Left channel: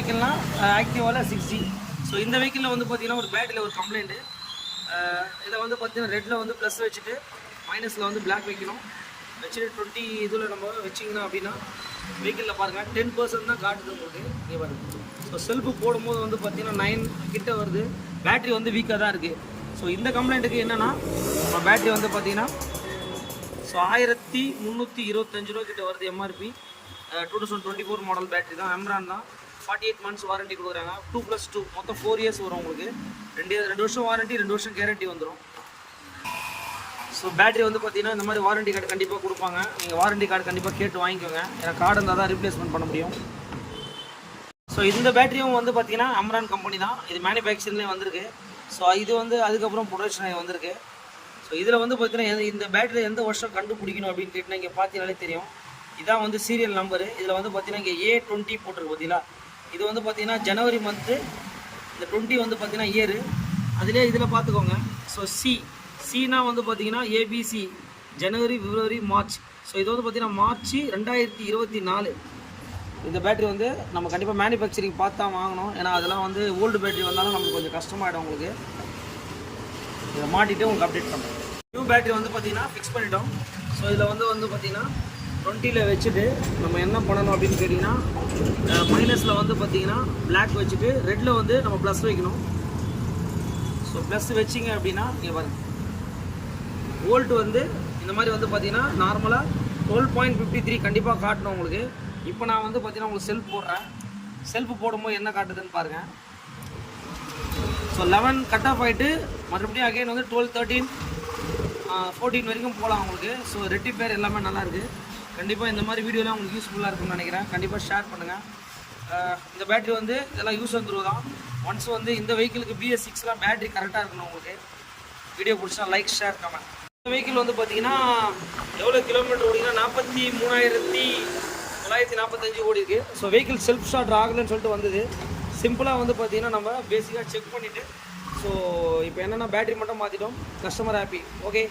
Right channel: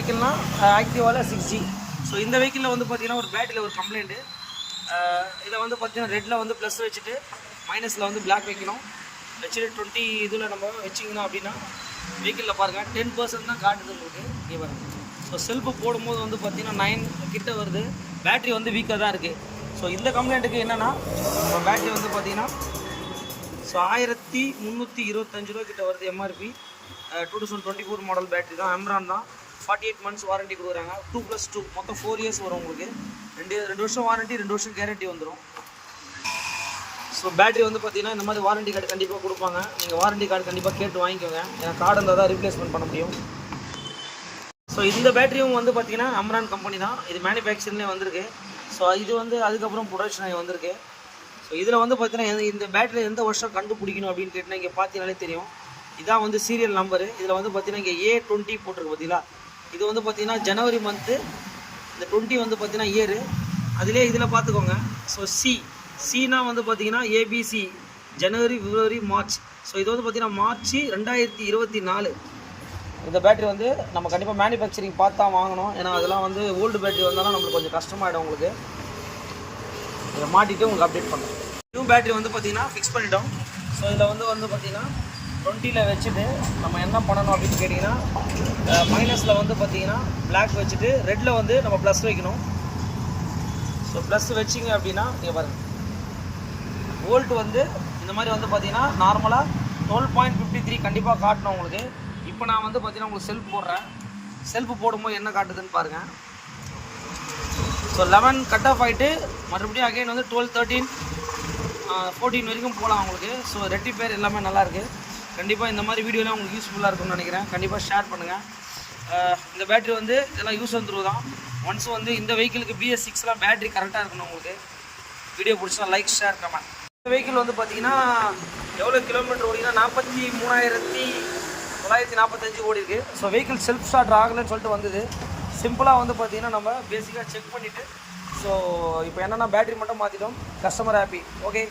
வெஹிக்கிள்னா ஆக்டிவாவில் 6G. So இந்த வெஹிக்கிளில் வந்து பார்த்தீங்கன்னா ஒரு பேட்டரியில் ஒரு கம்ப்ளைண்ட்டு. இதை வந்து பார்த்தீங்கன்னா ரெட்டில் வந்து ப்ளஸ் வச்சுட்டு மைனஸில் வந்து பிளாக் வைக்கணும். வச்சுட்டு 20 இதில் நம்ம வச்சிங்கன்னா அப்படின்னா வெஹிக்கிளில் பாருங்கள் 10% தான் காட்டுது உங்களுக்கு. இங்கே பாருங்கள். ஸோ செல்ஃபு போடும்போது வந்து பார்த்தீங்கன்னா 9 கிட்ட வருது. பேட்ரி வந்து வீக்காக தான் இருக்குது. ஸோ இந்த கம்ப்ளைண்ட்டுக்கு என்னென்னா இப்போ பேட்ரி வந்து பார்த்தீங்கன்னா ஸோ 1325 ரூபா கிட்ட வருது எம்ஆர்பி. 2024 மாடல் பேட்ரி தான், அம்ரான் தான். 48 months வாரண்டி கொடுக்குறாங்க. 2+2 மொத்தம் 4 years வரும் உங்களுக்கு. 2 வருஷம் வாரண்டி, 2 வருஷம் கேரண்டி வந்துடும். ஸோ பேட்டரி வந்து பார்த்தீங்கன்னா இந்த மாதிரி வாரண்டி கார்டு கண்டிப்பாக கொடுப்பாங்க. நீங்கள் வாரண்டி கார்டு கண்டிப்பாக கேட்டு வாங்கிக்கோங்க. ஏன்னா கார்டு இருந்தால் தான் ரீப்ளேஸ்மெண்ட் பண்ண முடியும். ஸோ இந்த பேட்டரியும் வந்து பார்த்தீங்கன்னா அம்ரான் கம்பெனி தான். இது மேனுஃபேக்சரிங்லேயே வந்திருக்கு. ஸோ இது வந்து அதுக்கப்புறம் ப்ரொடக்ஷன் வந்திருக்கு. ஸோ இதில் வந்து பார்த்தீங்கன்னா இந்த பேட்டரியில் எந்த வருஷம் கண்டுபிடிக்கணும் அப்படின்னு கேட்டிங்கன்னா இங்கே பார்த்தீங்கனாலே தெரியும். இதான் வந்து சீரியல் நம்பரு. இதில் வந்து பார்த்தீங்கன்னா இங்கே A20 போட்டிருக்கு பார்த்தீங்களா. இது வந்து பார்த்தீங்கன்னா ஜனவரி மந்த்து. இந்த 20 வந்து பார்த்தீங்கன்னா இயரு. அதிலே இதில் பார்த்துக்கோங்க. ஸோ சினா வந்து பார்த்தீங்கன்னா ABC ஜனவரி, பிப்ரவரி, மார்ச். ஸோ இது வந்து பார்த்தீங்கன்னா மார்ச் 2024. இந்த பேட்டரி வந்து நம்ம கண்டிப்பாக மேனுஃபேக்சரிங் பார்த்து தான் வாங்கணும். ஏன்னா அதெல்லாம் வந்து ஓல்டு பேட்டரி வந்தாலும் நம்மளுக்கு கொஞ்சம் கஷ்டமாயிடும் உங்களுக்கு. இதை மாட்டிட்டு உங்களுக்கு அப்டேட் பண்ணுறேன். நியூ பேட்டரி வந்து பார்த்தீங்கன்னா ஃபிக்ஸ் பண்ணிட்டோம். ஸோ இதில் வந்து பார்த்தீங்கன்னா 20ல் வச்சுட்டு நம்ம என்ன பண்ணணும் அப்படின்னு கேட்டிங்கன்னா மைனஸில் வந்து பார்த்தீங்கன்னா பிளாக் வச்சுட்டு ரெட்டில் வந்து நம்ம ப்ளஸ் வைக்கணும். ஸோ ப்ளஸ் வச்சிங்க அப்படின்னா இங்கே பாருங்கள் வோல்ட் வந்து இந்த மாதிரி வந்து பார்த்தீங்கன்னா நார்மலாக 12.53 கண்டிப்பாக காட்டணும் உங்களுக்கு. இப்போ நான் வந்து பார்த்தீங்கன்னா உங்களுக்கு செல்ஃப் போடுறேன். செல்ஃப் போடும்போது என்ன காட்டுதுன்னு பாருங்கள். ஸோ 11 கட் ஆஃப் ஆகிட்டு மறுபடியும் அகைன் வந்து 12, 13, 14 வரைக்கும் போகலாம் உங்களுக்கு. ஸோ ரெட்டிஃபயர் எல்லாமே நல்லாயிருக்கு. கண்டிப்பாக இந்த மாதிரி வீடியோலாம் உங்களுக்கு யூஸ்ஃபுல்லாக இருக்கும்னு நினைக்கிறேன். கண்டிப்பாக ஷேர் பண்ணுங்கள். இந்த பேட்டரி வந்து இதெல்லாம் யூஸ் வந்துருவு தான். ஒன்ஸ் வந்து இந்த வெஹிக்கிளுக்கு BS6லாம் பேட்டரி கரெக்டாக இருக்கணும் உங்களுக்கு. வீடியோ பிடிச்சா லைக், ஷேர், கமெண்ட். இந்த வெஹிக்கிள் வந்து பார்த்தீங்கன்னா எவ்வளோ கிலோமீட்டர் ஓடிங்கன்னா 43,945 ஓடி இருக்குது. ஸோ வெஹிக்கிள் செல்ஃப் ஸ்டார்ட் ஆகலைன்னு சொல்லிட்டு வந்தது. சிம்பிளாக வந்து பார்த்தீங்கன்னா நம்ம பேசிக்காக செக் பண்ணிவிட்டு ஸோ இப்போ என்னென்னா பேட்டரி மட்டும் மாற்றிட்டோம். Customer happy. ஓகே.